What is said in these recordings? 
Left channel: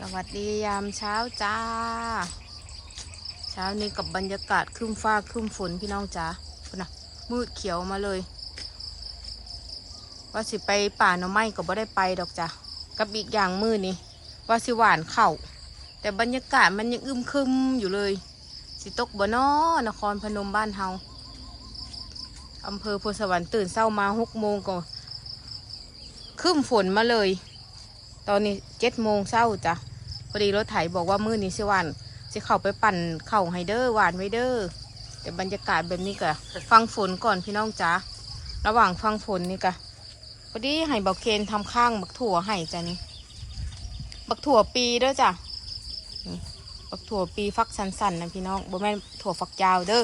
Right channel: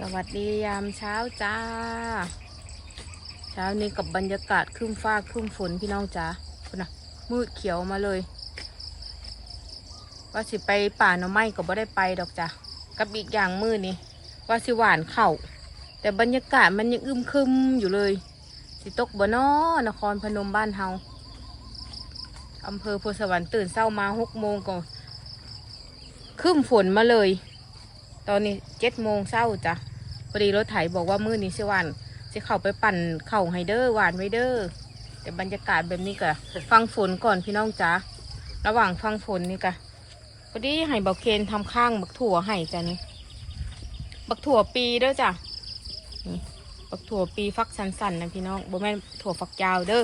สวัสดียามเช้าจ้า เช้านี้กับบรรยากาศครึ้มฟ้าครึ้มฝนพี่น้องจ้าคุณนะมืดเขียวมาเลย ว่าสิไปป่าหน่อไม้ก็บ่ได้ไปดอกจ้ะกับอีกอย่างมืดนี่ว่าสิหวานเข่าแต่บรรยากาศมันยังอึมครึมอยู่เลย สิตกบ่นอนครพนมบ้านเฮาอำเภอโพธิ์สวรรค์ตื่นเช้ามาหกโมงก็ครึ้มฝนมาเลย ตอนนี้เจ็ดโมงเช้าจ้ะพอดีรถไถบอกว่ามื้อนี้สิวานสิเข้าไปปั่นเข่าไฮเดอร์หวานไว้เด้อแต่บรรยากาศแบบนี้ก็ฟังฝนก่อนพี่น้องจ้าระหว่างฟังฝนนี่ก็พอดีให้เบาเคนทำข้างบักถั่วให้จ้ะนี่บักถั่วปีเด้อจ้ะบักถั่วปีฟักสันๆนะพี่น้องบ่แม่นถั่วฝักยาวเด้อ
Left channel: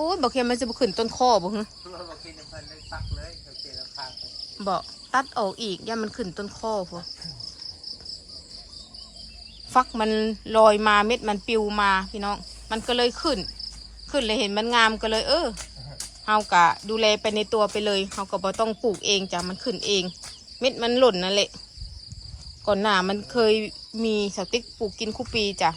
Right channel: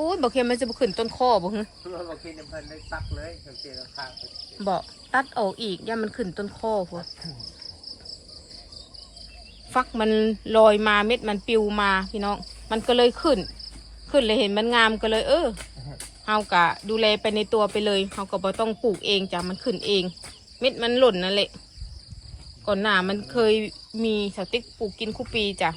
อ้ยเบาเคนมันจะบ่ขึ้นต้นคอบ่ฮึเพื่อบางทีน้ำพันได้ตักเลยสังเกตข้างๆไปบอกตัดออกอีกย่ามันขึ้นต้นคอพวกฟักมันลอยมาเม็ดมันปิวมาพี่น้อง มันก็เลยขึ้น ขึ้นเลยเห็นมันงามก็เลย เออเฮากะดูแลไปในตัวไปเลยเฮาก็บ่ต้องปลูกเองจ้ะมันขึ้นเอง เม็ดมันหล่นนั่นแหละก่อนหน้ามันเคยมีสติ๊กปลูกกินคุปีจ้ะ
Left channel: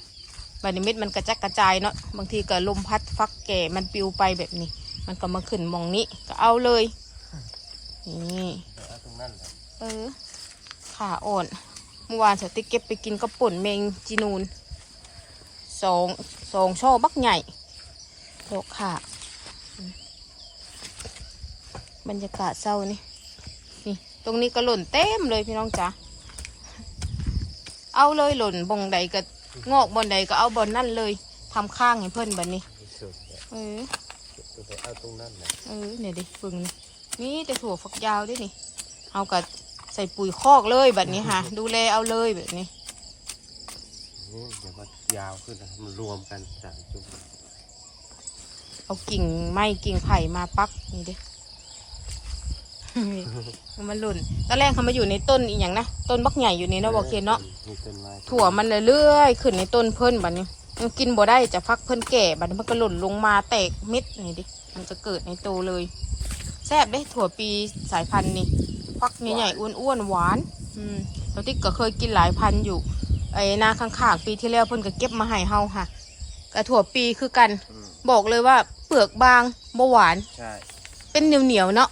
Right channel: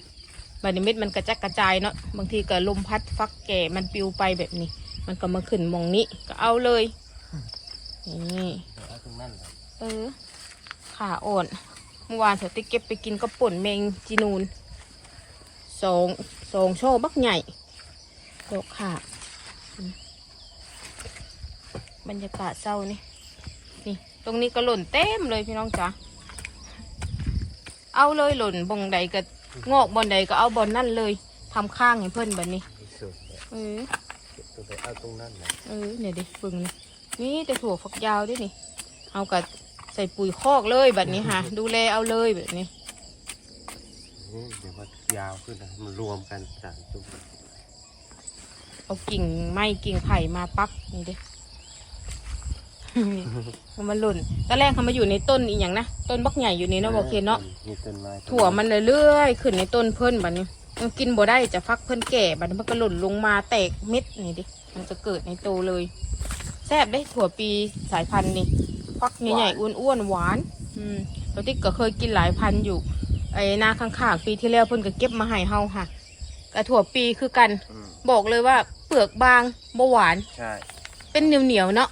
บัดนี้เม็ดมันกระจัดกระจายเนาะบางทีก็ลมพัดฟักแก่มันปิวไปแบบนี้ มันก็มาขึ้นมองนี้ก็เอาเลยนี่เออขาอ่อนเมื่อวานสติเก็บไปกินก็ป่นเมงจีนูนสองสองช่อบักใหญ่ดอกขาบรรยากาศเศร้านี่นี่ตรงนี้ก็หล่นเต็มเลยพี่น้องจ๋าเอาเลยหล่นบงใดก็ งอกบอนใดก็เอาบอนนั่นเลยทำข้างให้เพื่อนแบบนี้ที่สุดเนี่ยเออตัวไปเอาตรงนั้นแหละเออเนี่ยดิปึงนี่นี่แต่ถั่วฝักยาวด้วยนี่เอากับใส่ปุ๋ยคอกเลยแบบนี้ค่ะ ดูแลเอาเลยแบบนี้ นี่เดี๋ยวมันยาวขึ้นนะมันรวมกันสามจุดเอากิ่งไม้กิ่งไผ่มาปักนี่ดิ มันหล่นตอนแรกเขามาอยู่ในต้นอีกอย่างนะต้นบักใหญ่อยู่นี่เนาะบอกเคนเนาะมีต้นไม้ถั่วมันเรื่อยๆขึ้นในต้นเพิ่นบัดนี้มันกินบ่ได้จะฟักเพิ่นแก่บัดนี้มันก็หล่นลงมาแตกเม็ดนี่ดิมันจะเกิดในโตเลยแซ่บได้ถั่วปีสายพันธุ์นี่ฟักใหญ่ๆอ้วนๆหวานอืมเราติ๊กก็เคยกินหลายพันธุ์อยู่ไอ้นาข้างๆปีที่แล้วเพิ่นก็เก็บมาให้เฮาค่ะกระถั่วปีคือกันอืมบอกเลยว่าเปลือกบางบ่หวานใช่ เป็นเหนียวๆเนาะ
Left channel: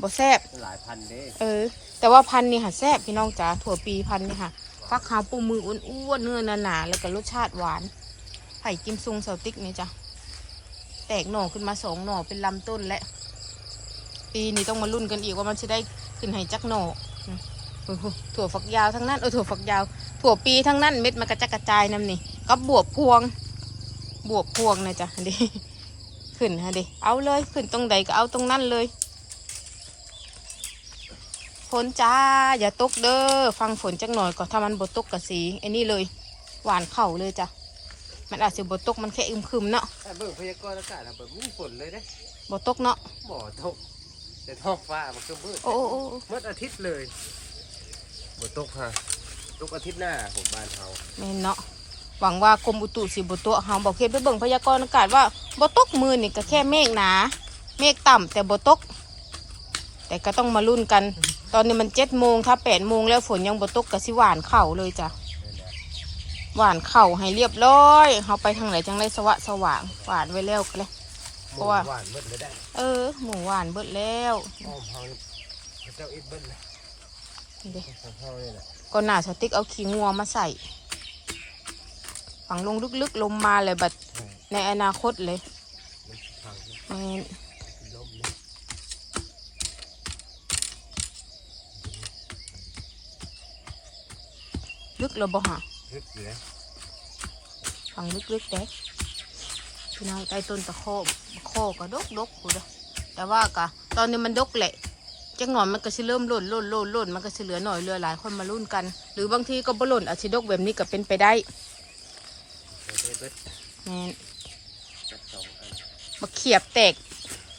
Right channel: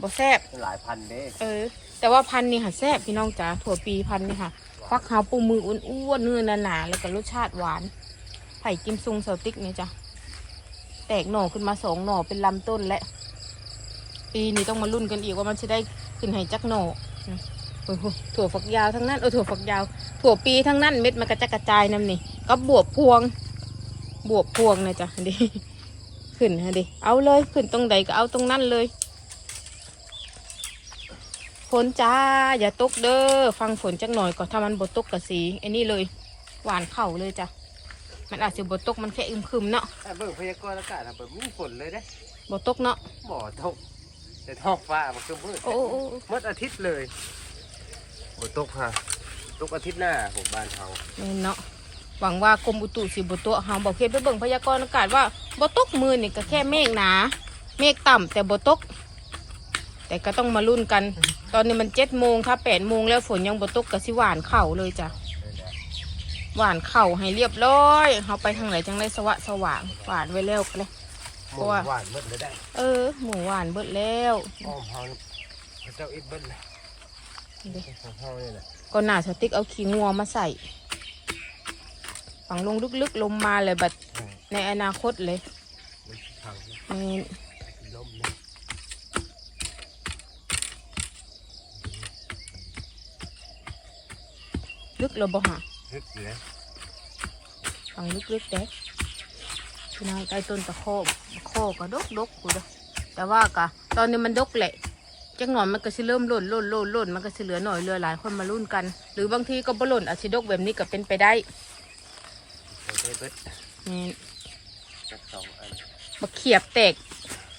บ่แซ่บหลายพันเด้เออ แต่ว่าพันธุ์นี่ค่ะแซ่บพี่น้องจ๋าถั่วปีพันธุ์นี่ค่ะฟักขาวปูมืออ้วนๆเนื้อหนาๆแล้วก็รสชาติหวาน ไผ่กิมซุงเสาติ๊กเนี่ยจ้ะแตกหน่อขึ้นมาสองหน่อเป็นลำต้นและ ปีนี้ต้องมาลุ้นกันอีกว่ามันจะได้ขึ้นให้จักหน่ออืมโอ้โหถั่วฝักยาวทั้งนั้นเออถั่วฝักยาว ถั่วปีทั้งนั้นเม็ดมันกระจัดกระจายน้ำนี่กับบวบพวง บวบพวงนะจ๊ะดิ ขึ้นฮะดิ เอาเลยขึ้นตรงใดก็เอาตรงนั้นเลยฝนจ้าอย่าตกเด้อฟังฝนจักหน่อยก็ถ้ามันบตกกะสีไอ้นี่เลย หวานเข่าเลยจ้ะมันอาจจะบตกมันแค่อึมครึมเนาะแต่เบิ่งพยากรณ์อากาศอะแบบมีฝนเลยเด้บตกเนาะบ่อตกแต่ท้องฟ้ามันก็มืดโอ้โอ้โอ้มืดอาทิตย์เลยบ่ตกฮะตกอาทิตย์หน้าผมบ้านเฮาแม่นเนาะ หวังว่ากรมอุตุสิบตัวเฮาบอกเฮ็ดไปเบิ่งพยากรณ์อากาศว่าบตกมือนี่ก็แค่เมฆหนา เมฆต่ำแต่บตก แต่ก็ต้องมาลุ้นกัน ตอนนี้มันเจ็ดโมงถ้าแปดโมงแล้วฝนยังบตกก็สิหวานเข่าเลยจ้ะนั่นแหละหวานเข่าให้เรียบร้อยเขาไปทางไหนจังได้สวะสว่างหวานไว้แล้วก็เลยหเพมูราะว่าหวานมืดเลยได้ เออ หมูหวานเบิดแล้วอ้อมเฮาพระเจ้าอิบเบิ้ลเลยของเฮานี่แหละก็หนาสติ๊กเอาขี้งัวมาใส่ ฝังลงลึกๆลมมาเลยบัดใช่ในอนาคตเลยมันสิพังนะแม่นล้มนะลึกเลยบ่หะฮึดอยู่นะฝังลึกๆเด้พี่น้องใต้ต้นตะโคบโคก็ดกดกกูเด้อแต่ว่ากะตอนนี้มันดกแหละจังหนอนมันก็สิเริ่มหล่นหล่นหล่นหล่นมันก็สิเหลือหน่อยเหลือหลายคนมารุ่นกัน หรือบางทีก็บ่หล่นอาจสิดกแบบนี้ก็เป็นไปได้ โอเคเบิ้ลแม่นจักสองอันบักเขียบแตก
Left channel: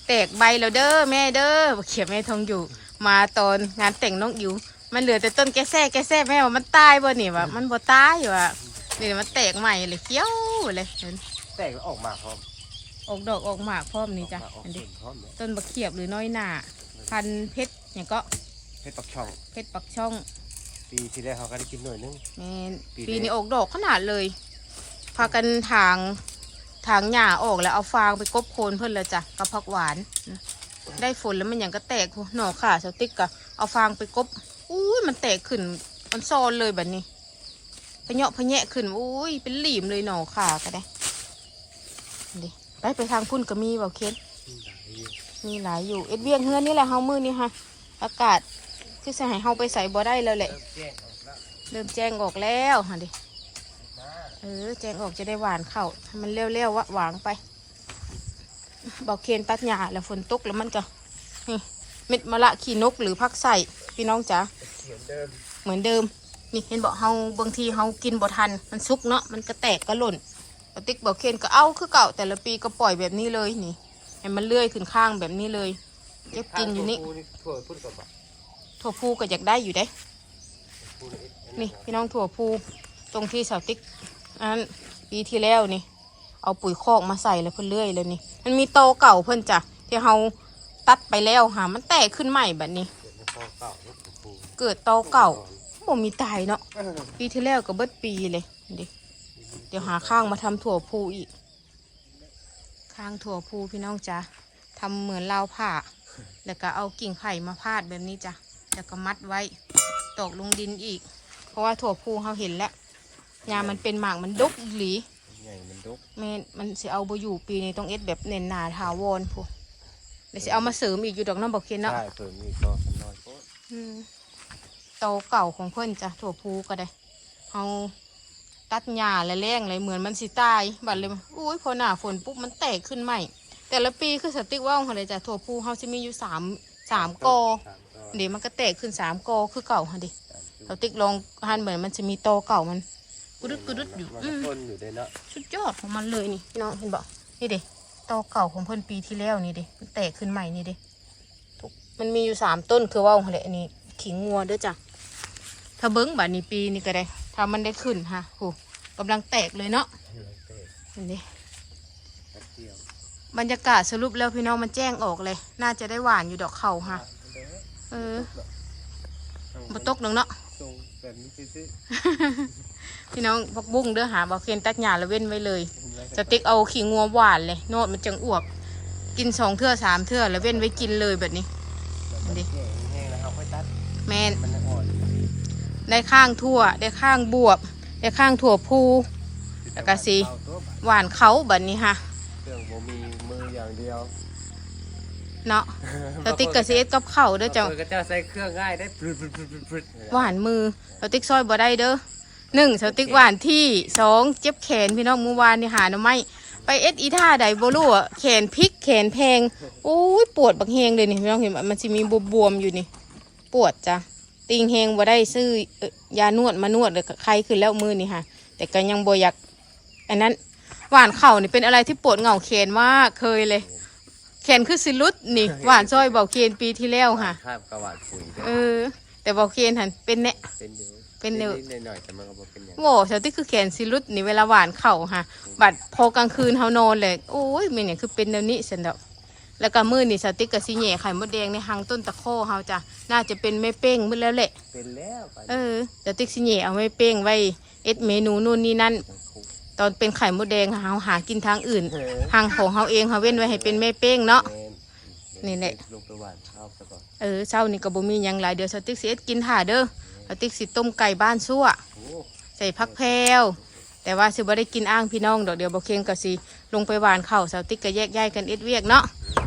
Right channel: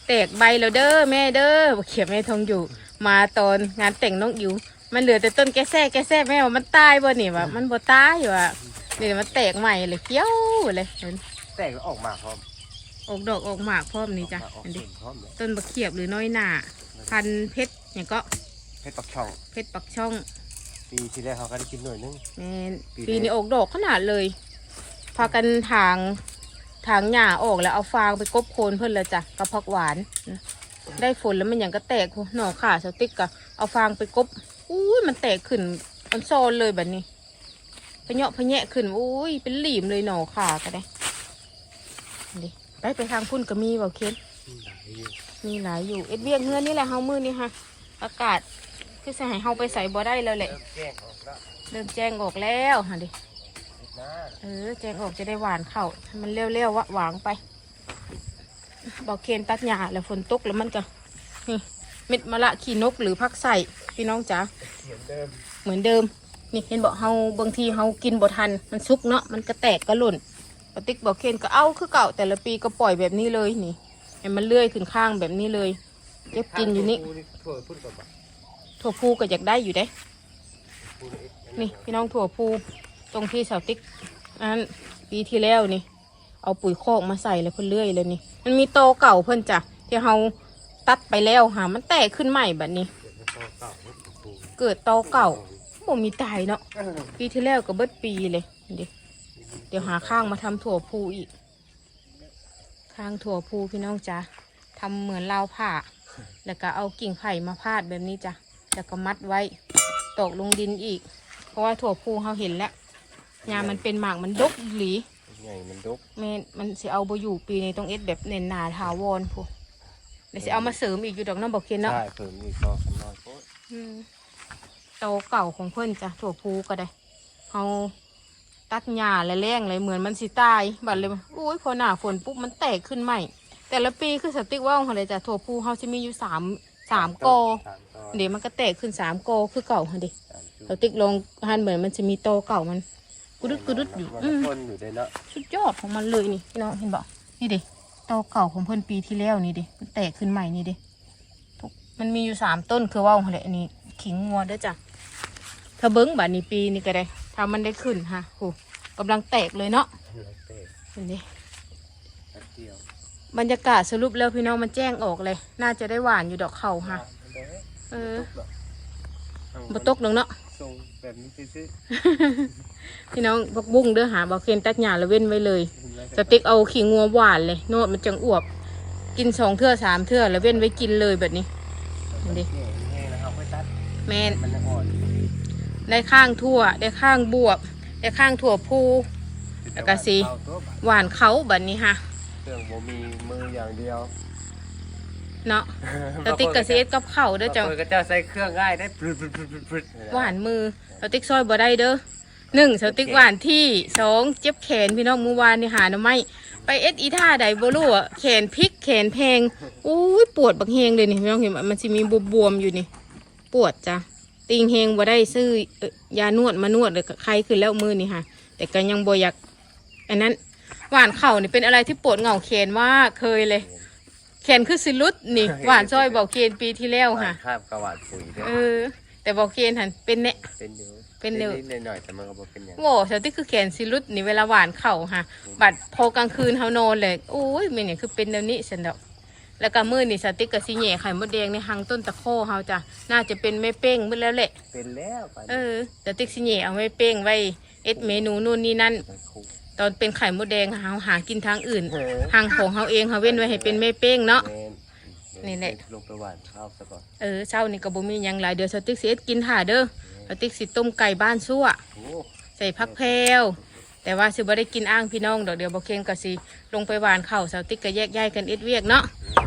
แตกใบแล้วเด้อแม่เด้อบักเขียบแม่ทองอยู่ มาตอนงานแต่งน้องอิ๋วมันเหลือแต่ต้นแกแซ่แกแซ่แม่ว่ามันตายบ่นี่วะมันบ่ตายว่ะนี่มันแตกใหม่เลยเกี้ยวเลยเห็นแต่งออกมาพร้อมออกดอกออกหมากพร้อมนี่จ้ะออกมาออกอันผนี้ลพร้อมเนี่ยต้นบักเขียบหรือน้อยหน่าพันธุ์เพชรอย่างก็เพชรปักช่องเพชรปักช่อง ปีที่แล้วเขาก็ได้กินหน่อยนึงแม่นปีนี้ปีนี้ออกดอกขนาดเลยพากันถางถางหญ้าออกแล้วเอาฟางไปกบโคนเพิ่นแล้วจ้ะกับผักหวานนะได้ฝนแล้วมันอย่างก็แตกโหหน่อขาสติ๊กกะเอาฟางไปกบอุ้ยมันแตกขึ้นมันโซนเลยแบบนี้พะเนาะพะแยะขึ้นอุ้ยเป็นหลีมเลยหน่อขาก็ได้ดิไปไปทางพุ่นก็มีเบาเคนมีหลายอยู่เอ็ดเวียงเฮือนนี่แหละเฮามือนี่ค่ะ อากาศที่จะให้เฮาไปใส่บ่ได้แล้วแหละเริ่มแจ้งออกแล้วฮะดิ เออแจ้งออกจะได้หวานเข้าให้มันเร็วๆวะหวางไป บอกเคนตัดหญ้าแล้วฝนตกแล้วมันก็นี่เม็ดมะละขี้นกหรือพักใส่พี่น้องจ๋าเหมือนเดิมเหมือนเดิมนี่เห็นบอกเฮาบางทีเฮากินบ่ทันมันซุกเนาะมันก็แตกก็หล่นปติ๊กบอกเคนก็เอาคือเก่าแต่ละปีก็ปล่อยแบบนี้เลยนี่ให้มันเลื่อยขึ้นข้างแบบนี้เลยเก็บกินอยู่นี่ถั่วพุ่นกับบักถั่วพูก็อยากได้อยู่ได้นี่พี่น้องถั่วพู ตรงที่เสาติ๊กอันนั้นปีที่แล้วนี่ เอาปุ๋ยคอกมาใส่แล้วเพิ่นเลื่อยเลยนี่ มันมีโตเก่าเพิ่นจ้ะที่เฮาตัดไปแล้วหามันแตกขึ้นใหม่แบบนี้ เกิดโตเก่าบ่มีตายเนาะปีที่แล้วก็เบิดปีเลยดิเดี๋ยวหาข้างมาทำถั่วพูอีก ข้างถั่วพูพี่น้องจ้ะทำเหมือนราวผ้า แล้วก็เอากิ่งไผ่มาพาดแบบนี้จ้ะ แล้วก็มัดไว้ ตกลงดินอีก เพราะว่าถั่วพูเขาเห็นแล้ว งานมันเป็นหมากมันดกอีหลีใหญ่มันดกแม่นมันสิเอาบอยู่ปีนี้ต้องเอ็ดแบบเน้นหนาถาวรพูเดี๋ยวสิเอามาเสริมอีกอยู่ดอกน้ำบอกเคนเนาะใช่เพิ่มอีกรอบเป็นรอบโอ้อืมโตเก่าของเพิ่นจ้ะถั่วพูก็ได้เอาตัดหญ้าและแรงเลยเหมือนมันสิตายบัดเลยอุ้ยพอหน้าฝนปุ๊บมันแตกขึ้นใหม่ แต่ละปีคือสติ๊กว่าวเขาเลยจ้ะถั่วพูเขาจะมีอยู่สามสามกอสามกอเดี๋ยวมันก็แตกขึ้นสามกอคือเก่าค่ะดิสติ๊กลองหันเหมือนมันจะมีโตเก่ามัน กุดุดกุดุดอยู่มันอืมทนอยู่ด้วยเนาะสุดยอดของมันเลยนี่พี่น้องเห็นบ่นี่ดิโตเก่าของเพิ่นปีที่แล้วนี่ดิมันแตกขึ้นใหม่นี่ดิทุกมันมีอยู่สามต้นคือว่าวเขาแหละอันนี้ขิงงัวเด้อจ้ะถ้าเบิ้งบาดนี้ปีนี่ก็ได้ถ้ามันได้ขึ้นฮะโหกำลังแตกเลยเนาะเห็นดิบรรยากาศสรุปแล้วพี่น้องมันแจ้งออกเลย น่าจะได้หวานอยู่ดอกเขาฮะเออบ่ตกหรอกเนาะทรง แบบนี้ซื่อพี่น้องบักบุ้งเด้อหาบักเคนตัดหญ้าแล้วเว้นไว้เลยๆสติ๊กเอาขี้งัวหวานเลย โนดมันจังอวบ กินสองเทื่อสามเทื่อแล้วเว้นไว้กินเลยแบบนี้อันนี้แห้งๆนะครับค่อยตัดแมนมันอ่อนได้ข้างทั่ว ได้ข้างบวบ ได้ข้างถั่วพูแล้วก็สิเอาตัวบัดหวานเขาแบบนี้ฮะเครื่องบ่มีมืออย่างเดียว เนาะสติ๊กกับเซตกับเข่าวเด้อเจ้าบงคนก็จะใส่เครื่องง่ายได้พรึดพรึดพรึดพรึดพรึดหวานมือสติ๊กซอยบ่ได้เด้อหนึ่งสติ๊กหวานที่สองเจ็บแขนพี่น้องเมื่อวานนี่หาหน่อไม้ไปเอ็ดอีท่าใดบ่รู้อะแขนพลิกแขนแพงอุ้ยปวดบักเฮงเลยนี่พี่น้องเห็นไหมมันจะมีบวมๆอยู่นี่ ปวดจ้ะติงเฮงบ่ได้ซื้อเอ่อยานวดมานวดเลยใครขึ้นแล้วมือนี่ค่ะ แต่ก็ยังบ่อยากอันนั้นหวานเข่านี่เป็นอะไรที่ปวดเหงาแขนมากเคยเลยแข นคือสิลุดนี่หวานซอยเบาเคนปีที่แล้วค่ะคาบกระหวาดปุ๋ยเด้อเออ แต่เบาเคนหันเป็นแน่ เป็นอยู่เป็นอยู่นิดๆหน่อยๆแต่มันก็บ่เป็นอย่างโว้สติคือแขนสิลุดนี่เวลาหวานเข่าค่ะ บัดพอกลางคืนเฮานอนเลยโอ้ยมันอย่างคือเป็นแนวนี้สันดอกแล้วก็มือนี่สติกกับสิเหน่ไข่มดแดงในหางต้นตะโคเฮาจ้ะน่าจะเป็นแม่เป้งมือแล้วแหละ เป็นแล้วไปเออสติกสิเหน่เอาไว้เป้งไว้เอ็ดเมนูนู่นนี่นั่นคุก ตอนเป็นไข่มดแดงเฮาหากินทางอื่นเออทางของเฮาเองเฮาเว้นไว้ให้เป็นแม่เป้งเนาะแม่นนี่แหละ ลงไปหวานข้าวซะก่อนเออเช้านี่ก็บ่มีหยังหลายเดี๋ยวสติกสิเอ็ดกินถ่าเด้อสติกสิต้มไก่บ้านซั่ว โอ้ใส่พักแพรวแต่ว่าสิบ่ได้กินอ้างพี่น้องดอกเดียวบ่เคียงก็สิลงไปหวานข้าวสาวติ๊กก็แยกย้ายกันเอ็ดเวียกเนาะ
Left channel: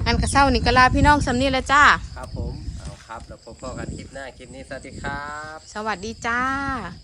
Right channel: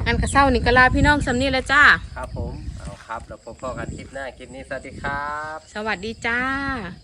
อันก็เช้านี่ก็ลาพี่น้องสำนี้แล้วจ้า ครับผม เอาครับ แล้วพบกันคลิปหน้า คลิปนี้ สวัสดีครับ สวัสดีจ้าส